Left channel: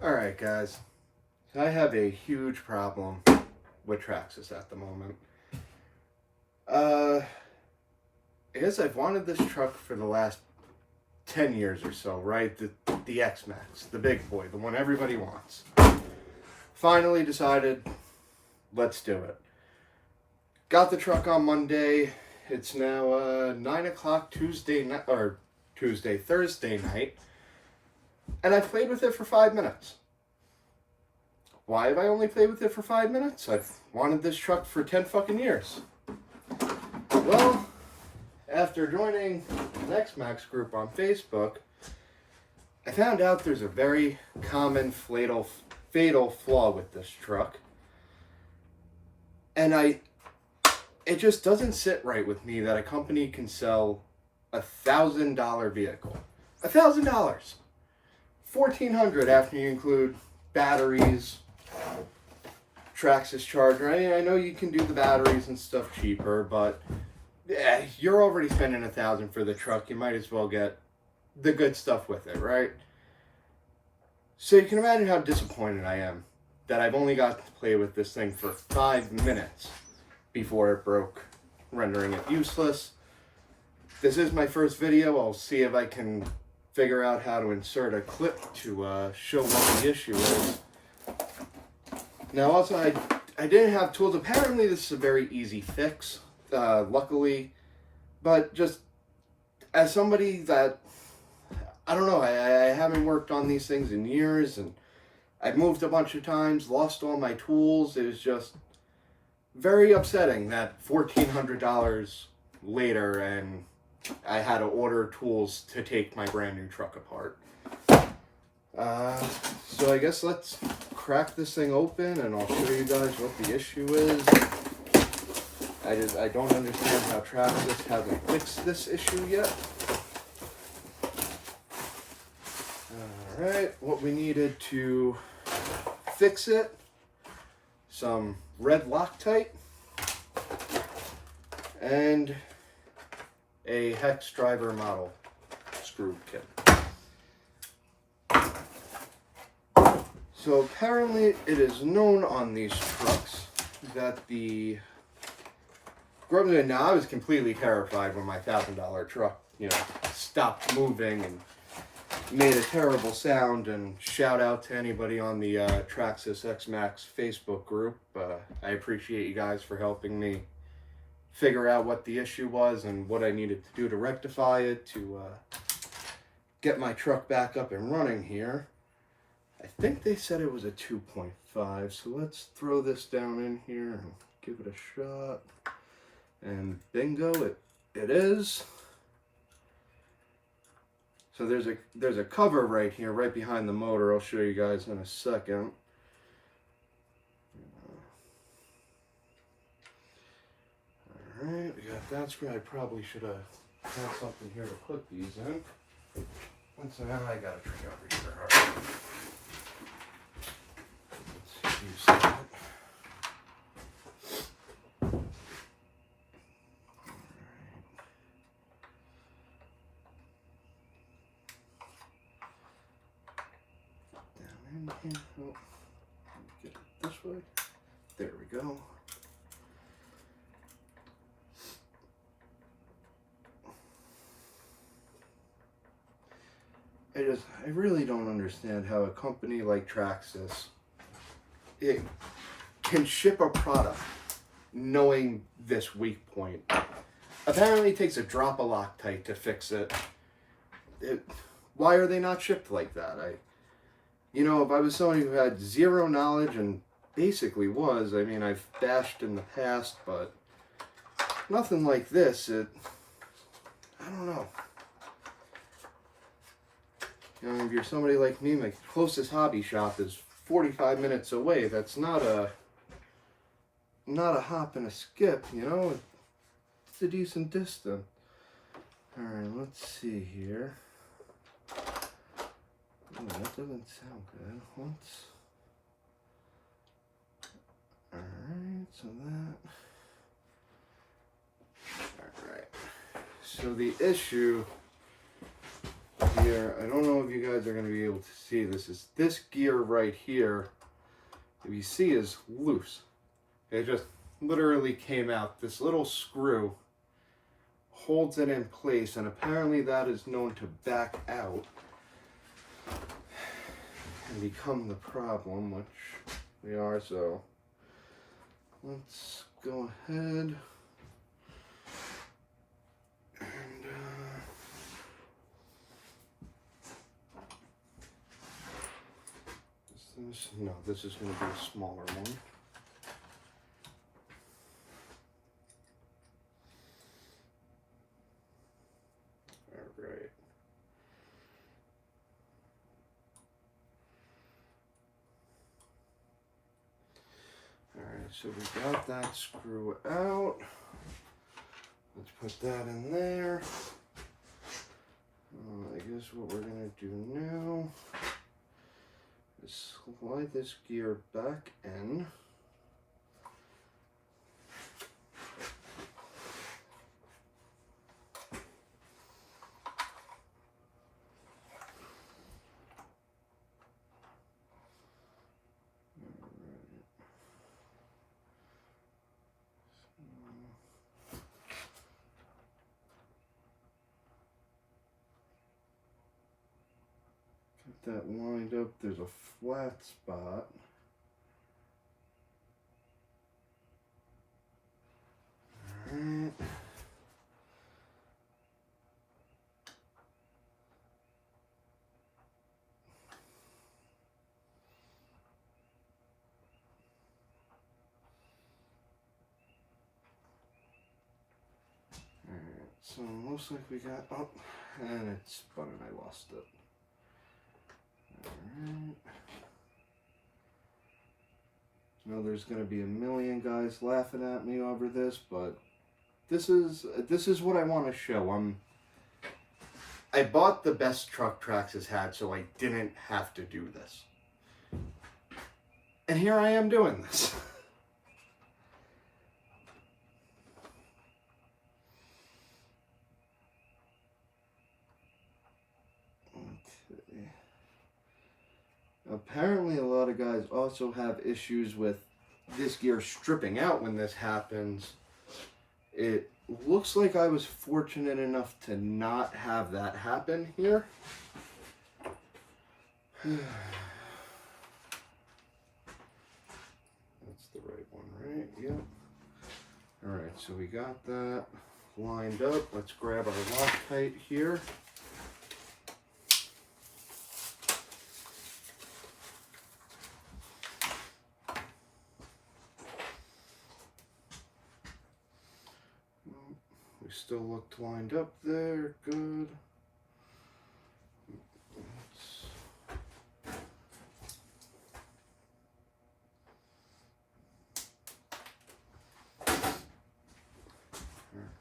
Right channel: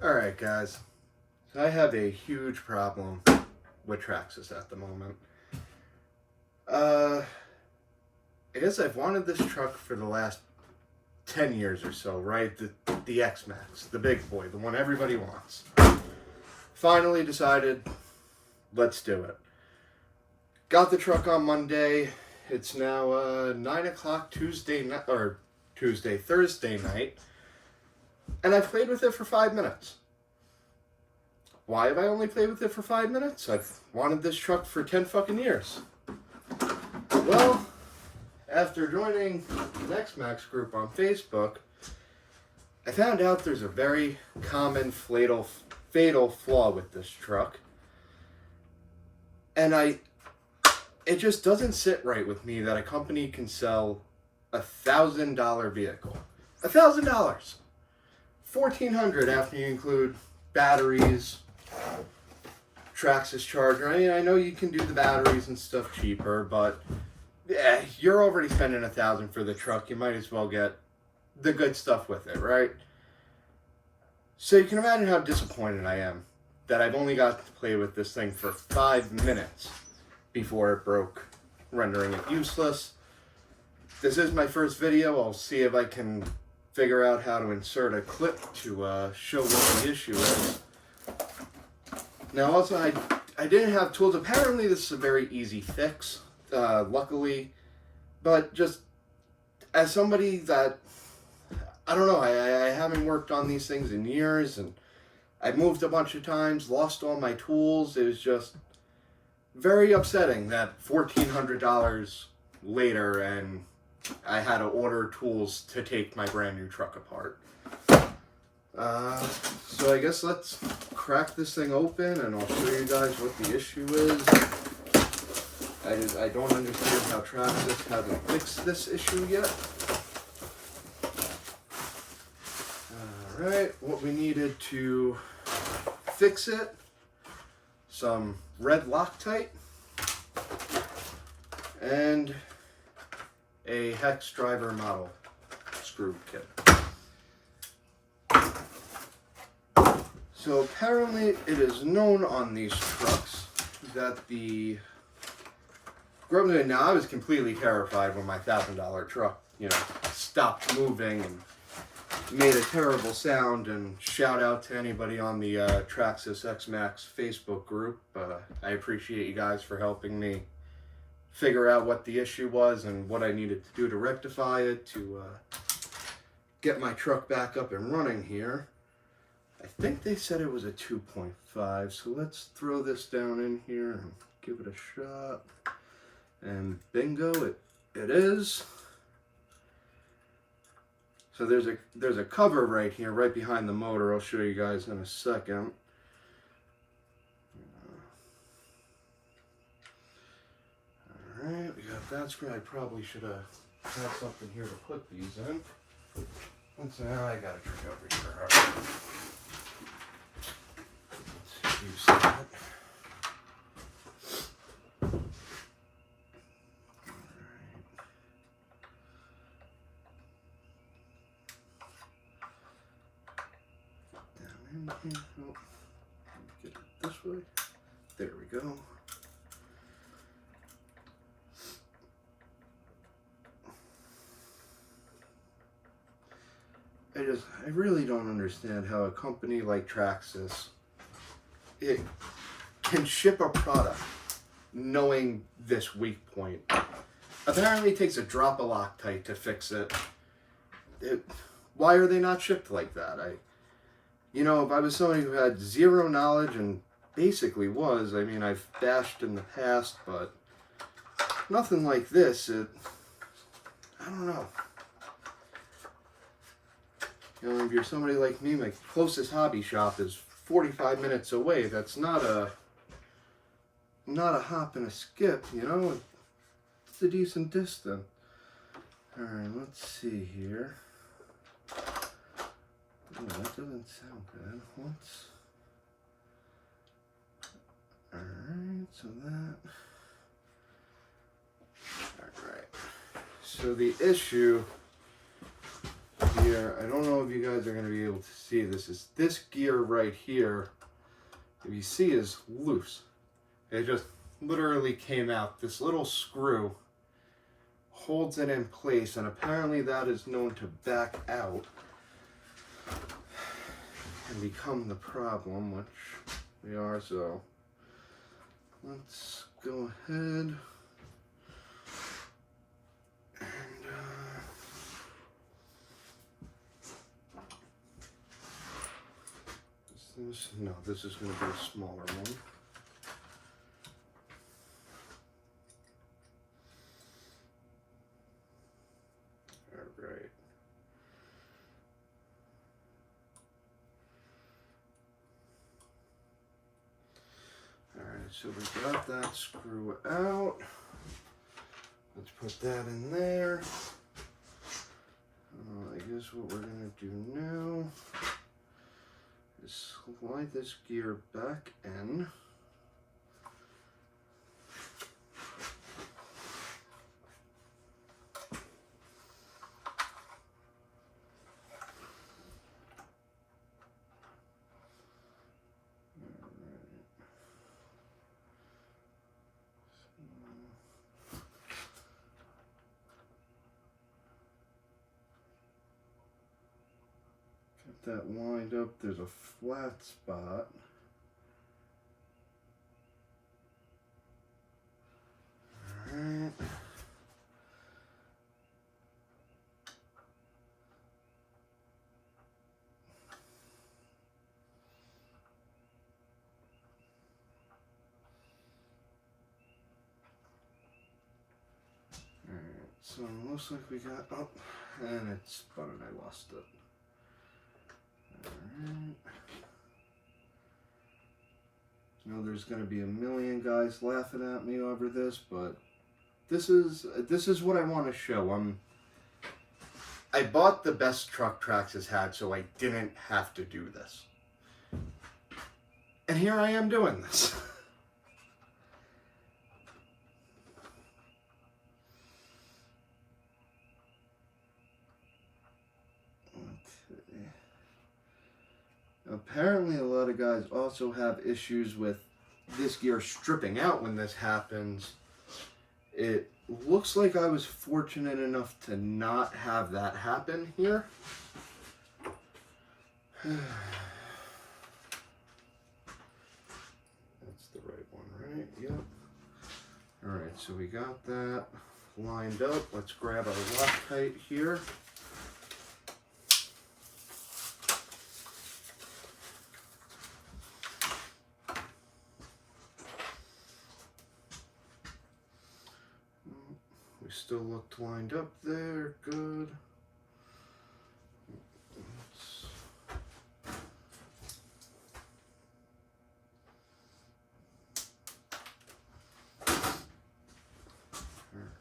Alright guys, I have a huge problem with Traxxas at the moment. I guess I've wanted this truck for the last 10 years or so, right? The Xmaxx, the big boy, the one everybody wants. Finally decided, let's do it. Got the truck on Monday. It's now 9 o'clock Thursday night. And I've played with it for 5 minutes. Why have I only played with it for 5 minutes? I've wanted this truck for 10 fucking years. Well, after joining the Xmaxx group on Facebook, I found out there's a very common fatal flaw with this truck. And it just doesn't sit right with me that a company can sell $1,000 vehicle. $1,000! $1,400 after you include batteries, Traxxas charger. I mean, I know you can do the batteries and stuff cheaper, but yeah, you're already spending $1,000 for the truck. You might as well get the good stuff with it, right? So you can imagine how disappointed I am that I've only got to play with this thing for 5 minutes before it broke, rendering it useless. This is my first video. I'll see if I can figure out how to insert a clip to show what the issue is. Now also, I didn't have tools. Apparently this is a very easy fix, luckily, but just as somebody that, I don't know, I haven't worked on these things in years, and I've moved a bunch of times, lost all my tools. It was just very upsetting that $1,400 later and I had to order tools to take my brand new truck apart. So I guess let's crack this thing open and I'll show you guys what the issue is. I don't understand how Traxxas hasn't fixed this issue yet. Alright, what we needed to fix it: some red Loctite and a hex driver model screw kit. So apparently it is known on these trucks that now I was completely terrified when my $1,000 truck, stopped moving and made a terrible sound, and shout out to anybody on the Traxxas Xmaxx Facebook group. I appreciate you guys for helping me figure out what the issue was and what I needed to do to rectify it to get my truck back up and running here. I think they said it was a 2.5, so let's throw this down in here and give it a shot. And bingo, it is. So there's a cover right here, right behind the motor. I'll show you guys in a second. Alright, we got that screw. I probably should have had something here to put these in. And so now I gotta turn it over here. Alright. Let's use that. Here. Oh, get it this way. There we go. I really don't understand how a company like Traxxas can ship a product knowing this weak point. Apparently it takes a drop of Loctite to fix it. Why are they not shipped like that? If I was somebody who had zero knowledge, and basically was, I mean, I've bashed in the past, but nothing like this, I don't know. If you're somebody like me, my closest hobby shop is 45 minutes away. That's not a hop and a skip, It's a decent distance. Alright, let's see here. Oh, that doesn't sound good. Alright, so that. Alright. So the issue here, I don't know if you guys are going to be able to see this, is this gear right here, if you see, is loose. It just literally came out. This little screw holds it in place, and apparently that is known to back out and become the problem, which we are. So let's go ahead and no, this is going to be a smaller one. Alright. Alright, so we got that screw out. Let's put that in there. I guess what we're going to do now is slide this gear back in. Get that lined up. There's a flat spot. Alright. So it looks like we got up, and it's spun and I lost it. Alright. I know there's going to be a million guys laughing at me over this, but this is what I want to show. I bought the best truck Traxxas had, so I didn't have to do this. And here I am doing this. Apparently a lot of guys also have issues with this gear stripping out when this happens. It looks like I was fortunate enough to not have that happen here. That's the right one, right? Yep. Alright, so we got that lined up. Let's grab our Loctite here. We still looked lined up there, good.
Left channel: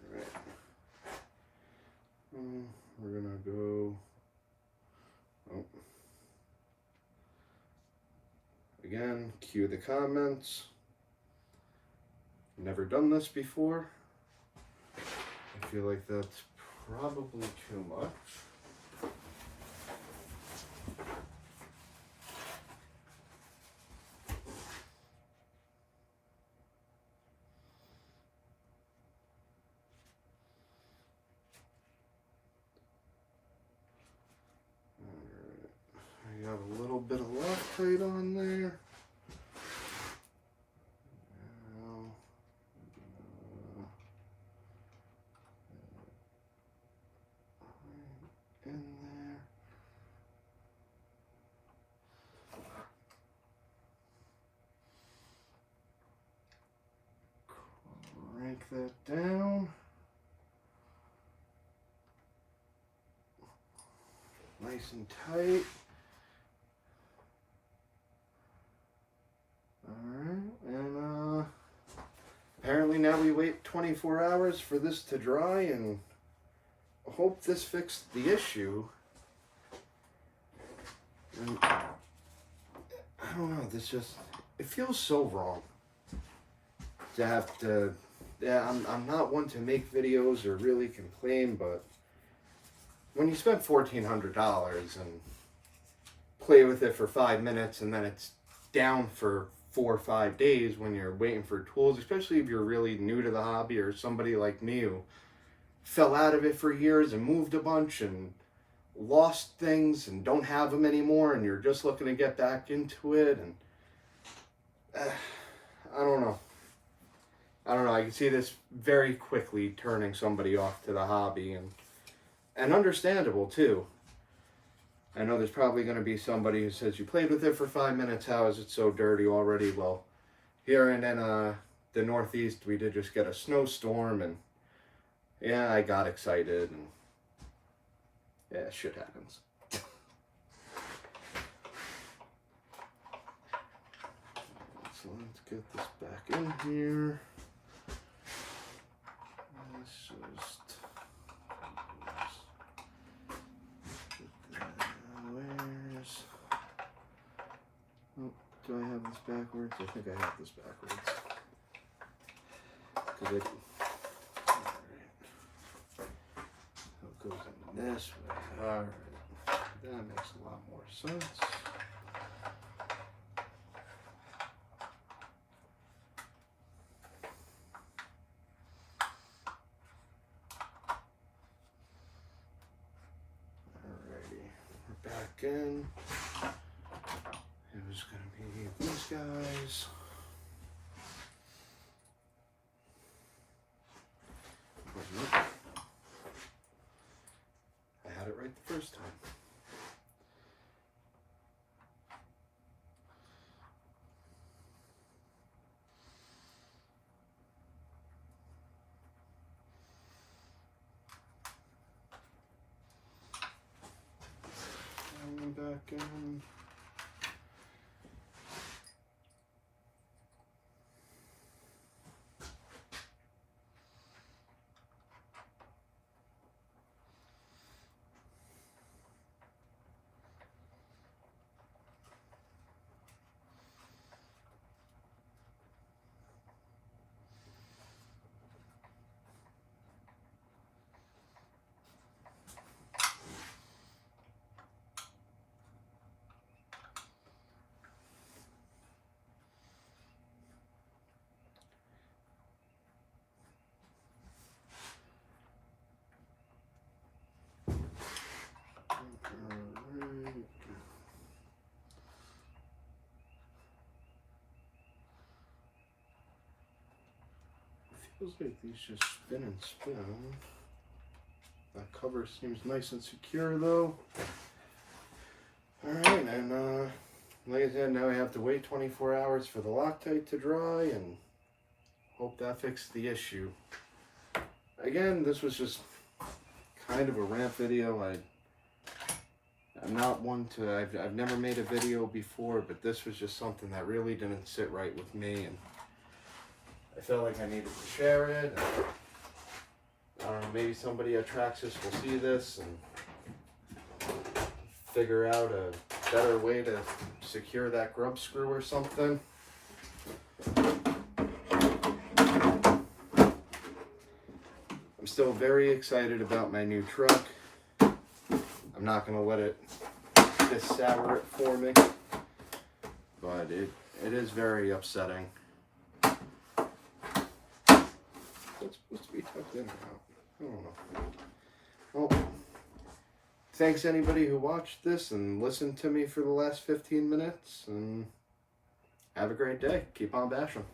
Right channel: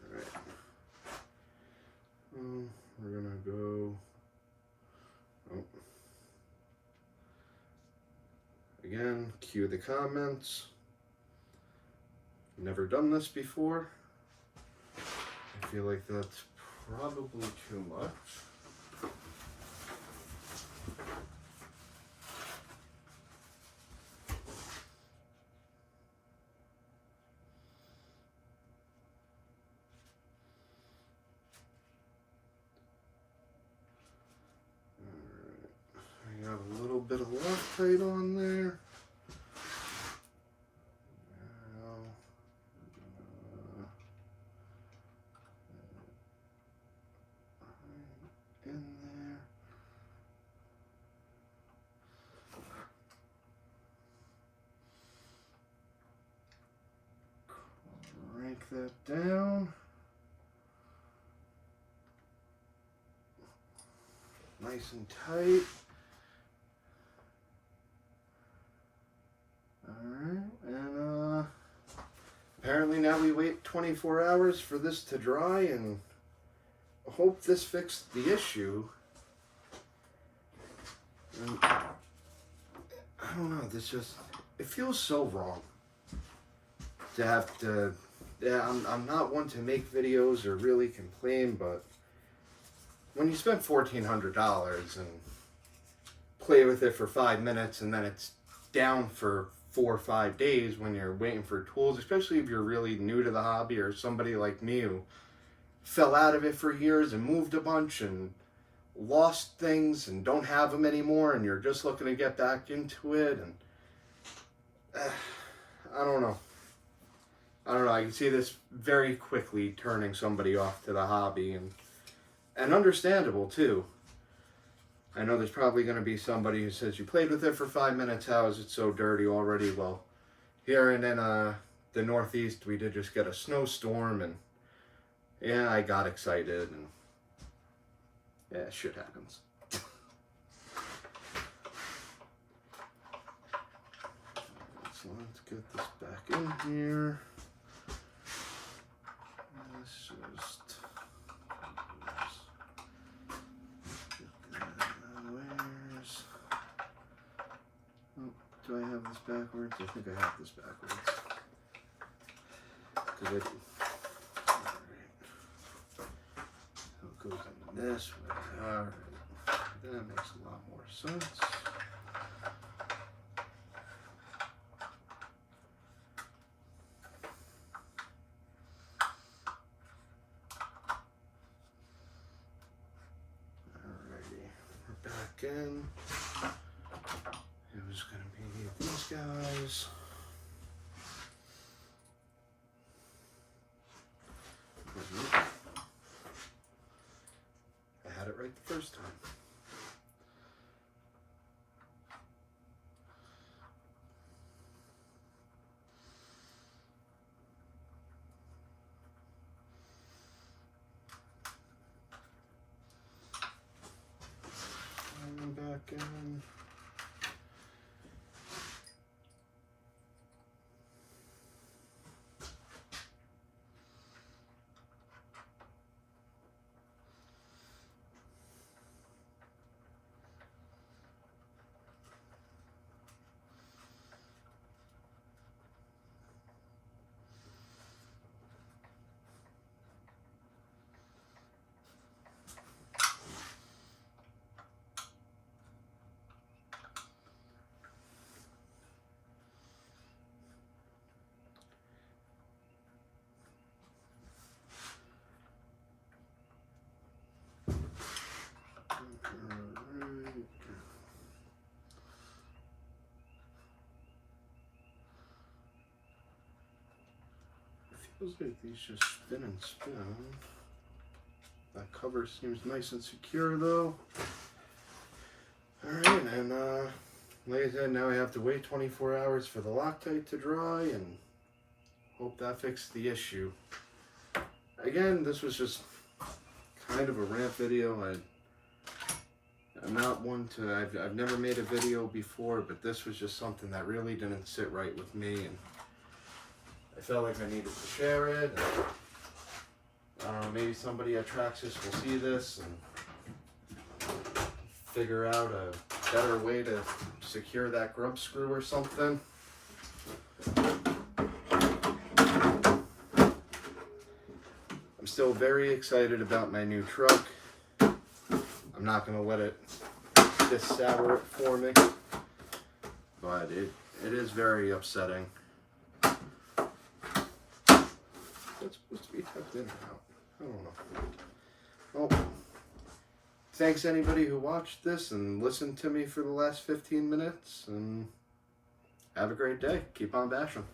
Alright. We're gonna go, again, cue the comments. Never done this before. I feel like that's probably too much. Alright, I got a little bit of Loctite on there. In there. Crank that down. Nice and tight. Alright, and apparently now we wait 24 hours for this to dry, and hope this fixed the issue. And I don't know, this just, it feels so wrong to have to, yeah, I'm not one to make videos or really complain, but when you spend $1,400 and play with it for 5 minutes and then it's down for 4 or 5 days when you're waiting for tools, especially if you're really new to the hobby or somebody like me who fell out of it for years and moved a bunch and lost things and don't have them anymore, and you're just looking to get back into it, and I don't know. I can see this very quickly turning somebody off to the hobby, and understandable too. I know there's probably going to be somebody who says, you played with it for 5 minutes, how is it so dirty already? Well, here in the Northeast, we did just get a snowstorm, and yeah, I got excited, and yeah, shit happens. So let's get this back in here. Let's just where's, oh, do I have this backwards? I think I have this backwards. Because it goes in this way. Alright. That makes a lot more sense. Alrighty. We're back in. It was going to be these guys. I had it right the first time. And back in. Feels like these just spin and spin. That cover seems nice and secure though. Alright, and like I said, now we have to wait 24 hours for the Loctite to dry and hope that fixed the issue. Again, this was just kind of a rant video. I'm not one to, I've never made a video before, but this was just something that really didn't sit right with me, and I felt like I needed to share it. And I don't know, maybe somebody at Traxxas will see this and figure out a better way to secure that grub screw or something. I'm still very excited about my new truck. I'm not going to let it sour it for me, but it is very upsetting. It's supposed to be tucked in now. I don't know. Well, thanks anybody who watched this and listened to me for the last 15 minutes, and have a great day. Keep on bashing.